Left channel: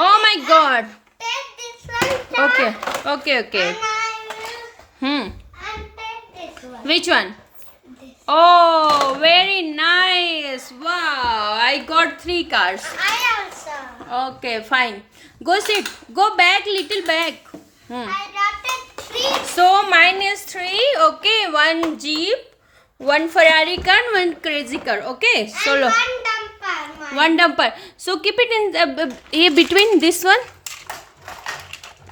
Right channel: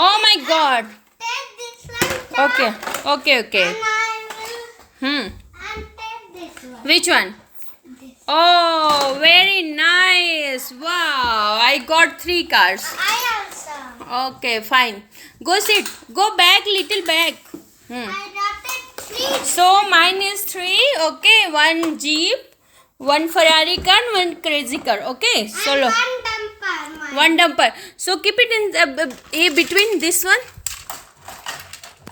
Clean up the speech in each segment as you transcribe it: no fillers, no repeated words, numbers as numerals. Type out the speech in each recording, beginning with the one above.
Oh my God. Take this one. Okay. Okay. And take this one. Which one? This. Oh, very nice. Wow. I got 3 cars. I also. Okay, fine. Go sit. Go back, little back. I got it 3. So mine is 3. Okay, 1 Jeep, 1 Ferrari car, 1 crazy car. Okay, And solo. 1 dumper. Mine. 1 dumper. So keep it in between this one.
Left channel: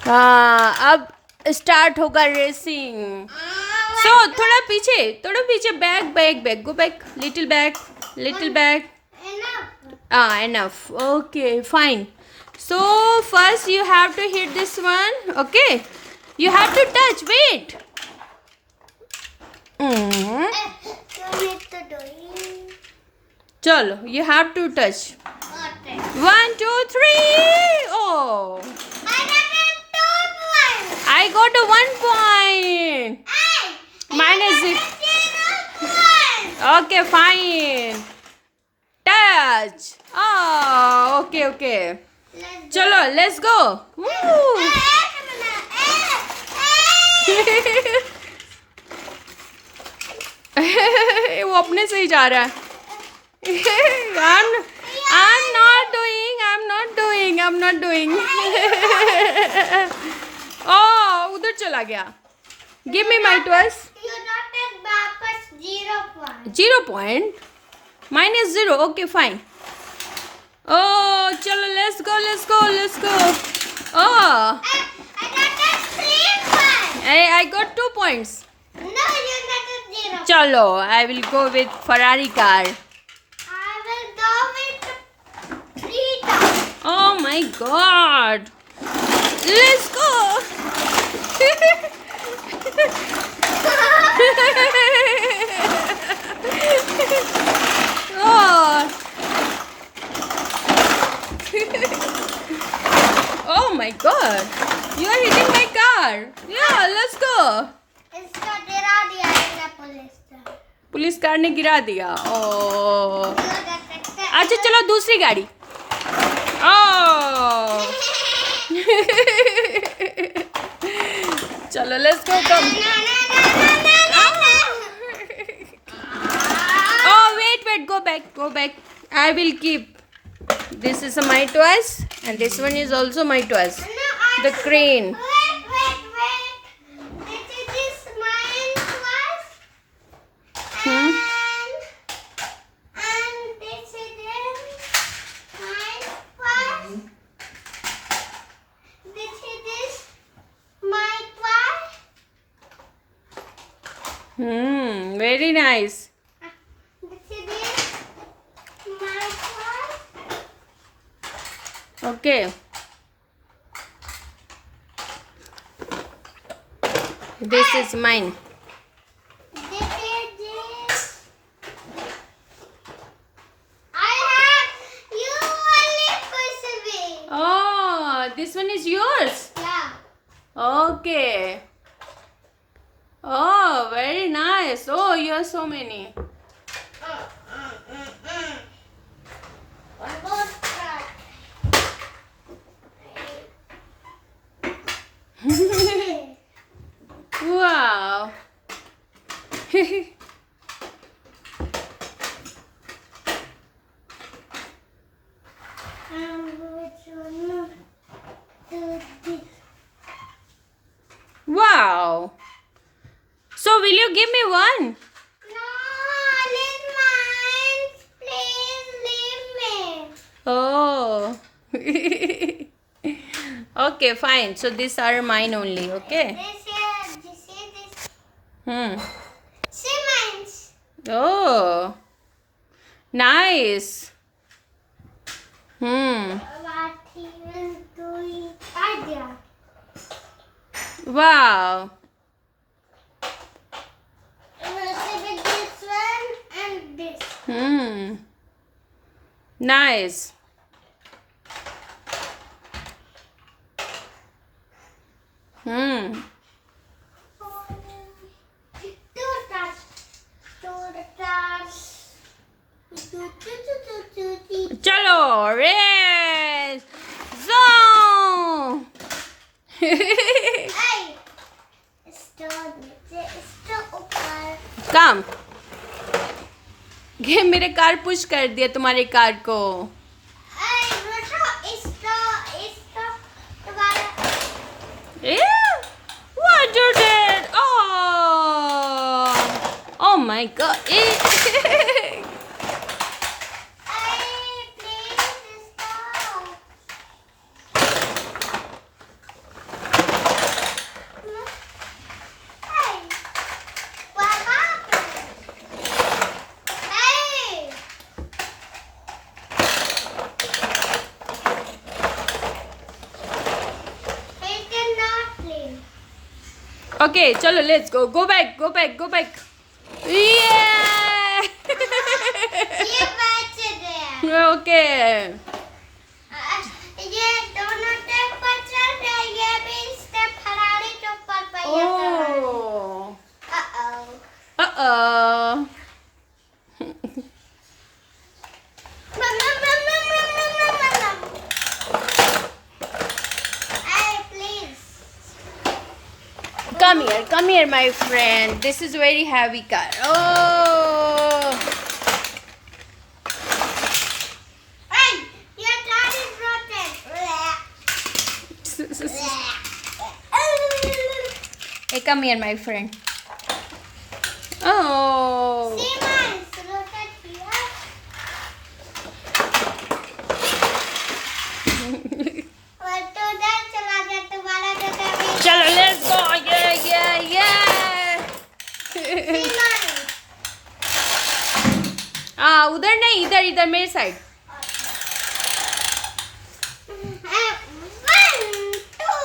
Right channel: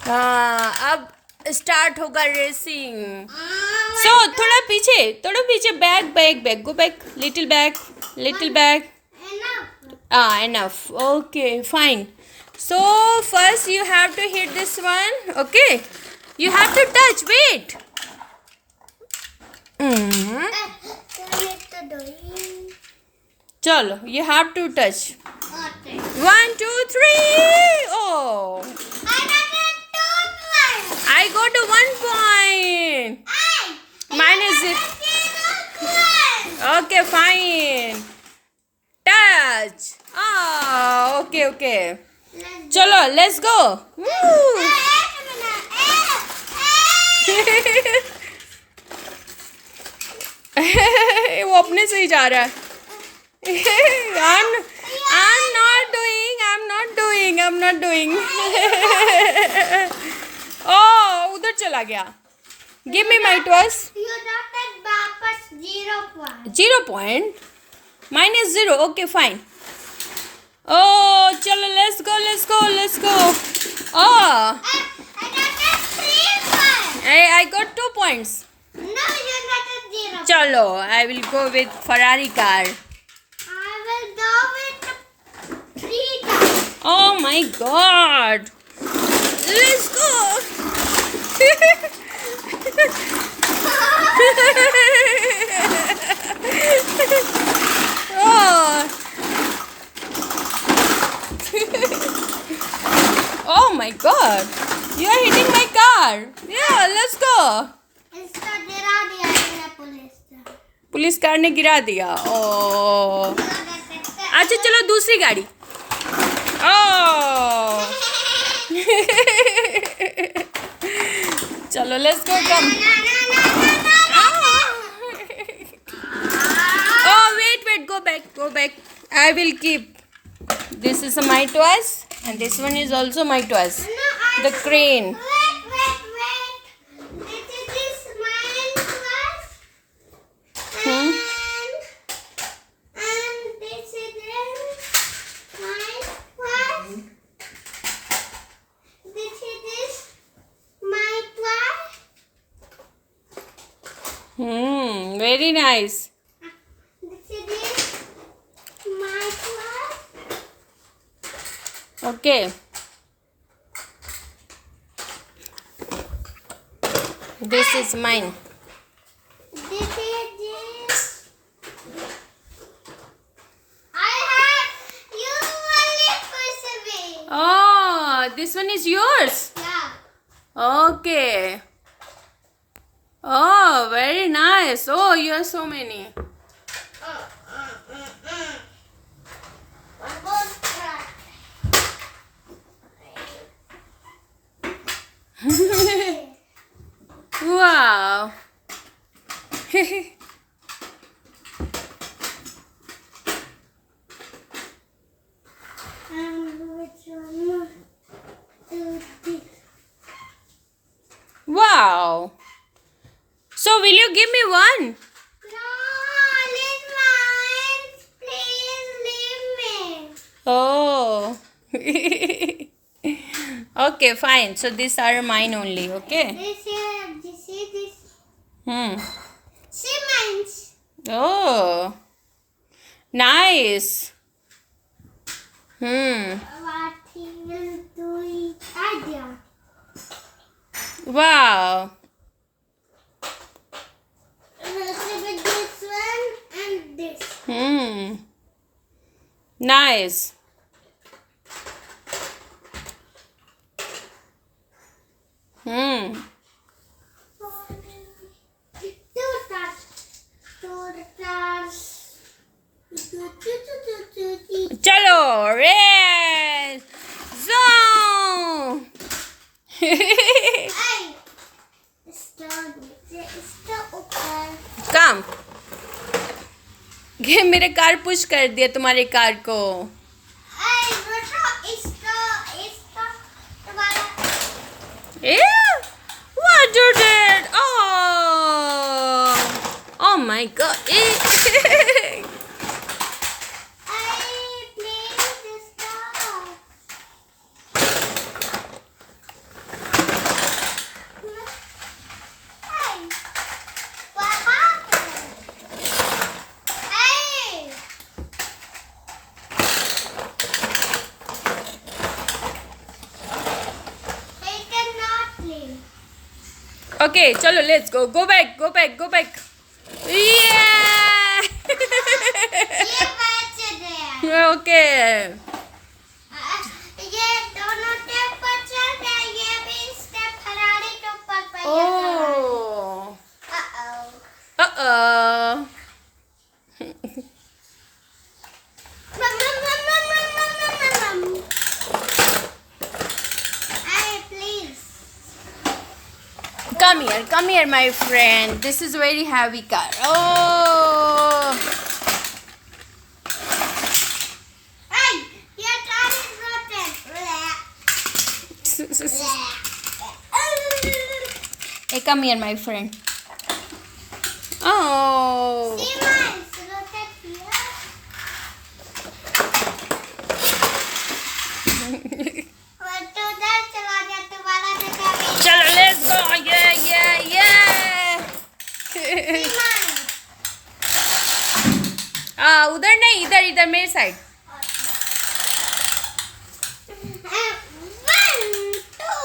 अब start होगा racing. So थोड़ा पीछे back. Go back. Little back. Enough. Enough. Okay, fine. So first you have to hit this one. Okay. You have to touch. Wait. You need to do it. Chalo, you have to touch. Okay. 1, 2, 3. Oh, I got a 2 I got a 1 point. point. Hey. Mine is it. Okay, fine. Touch. Oh, okay. Chalo, let's go. Woo. वो अपने से ही जा रहा है. I'm not doing. Oh, उधर चला गया. Give me my toys. You got it वापस 0 point. 0 point. Mine is 0. Okay, fine. Oh, chalo, let's go. Oh, I got a 3 point. I got 2 points. No, you got a 0. Chalo, I will go with Ferrari car. I will go with 3 times. Oh my God. Let's go. Oh. Oh my God. You are hitting my car. Yeah, let's go. इसका गिरा दिया मैंने police का. Police car ने गिरा दिया. Oh. अच्छा चलो दूसरी गाड़ी. Oh. चलो let's go. Come. Oh wait. Go back. I will keep. This is my toys and this one is also my toys. The crane. Wait. This is mine first. And this is mine first. This is my toy. Very nice. This is my toy. Okay. This is mine. This is this. I have you only push me. Oh, this one is yours. Yeah. Okay. Oh, very nice. Oh, you have so many. One more try. Wow. Which one? Do this. Wow. So, will you give me one? No, leave mine. Please leave me. Oh. Okay, fine. So, these are mine only. Okay. This. See mine. Oh. Nice. What he will do is idea. Wow. With this one and this. Nice. Chalo, race. Zone. Hey, stop ऊपर. काम ये मेरे car push कर दिया तुम्हारे car को. Hey, इसका तुम्हारा. What you did? Oh my god. Hey, please stop. Hey, what happened? Hey. It cannot play. Okay, chalo, let's go. Go back. Yeah. ये बच गया. Okay. ये दोनों टेप पर चल रहे, ये भी स्टेप फरारी के ऊपर पे. Oh. Uh-oh. Hey, please. Come here, my friend. This is very heavy car. Oh. Hey, your tire is broken. Hey, come here, my friend. Oh. See mine, so look at here. और तू उधर चला गया, तुम्हारा बेटा भी. Chalo, let's go. Yeah. See mine. उधर नहीं, इधर मेरे side. One, two,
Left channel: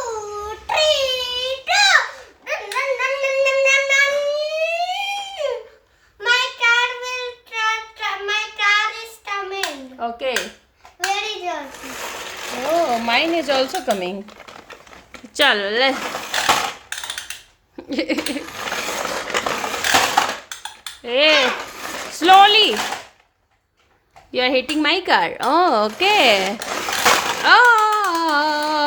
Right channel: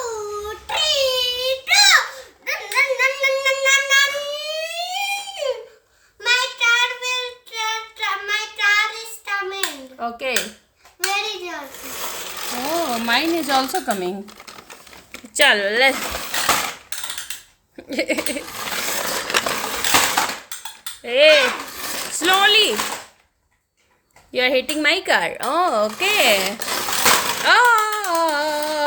three, go. My car is coming. Okay. Where is yours? Oh, mine is also coming. Chalo, let. Hey, slowly. You are hitting my car. Oh, okay. Oh.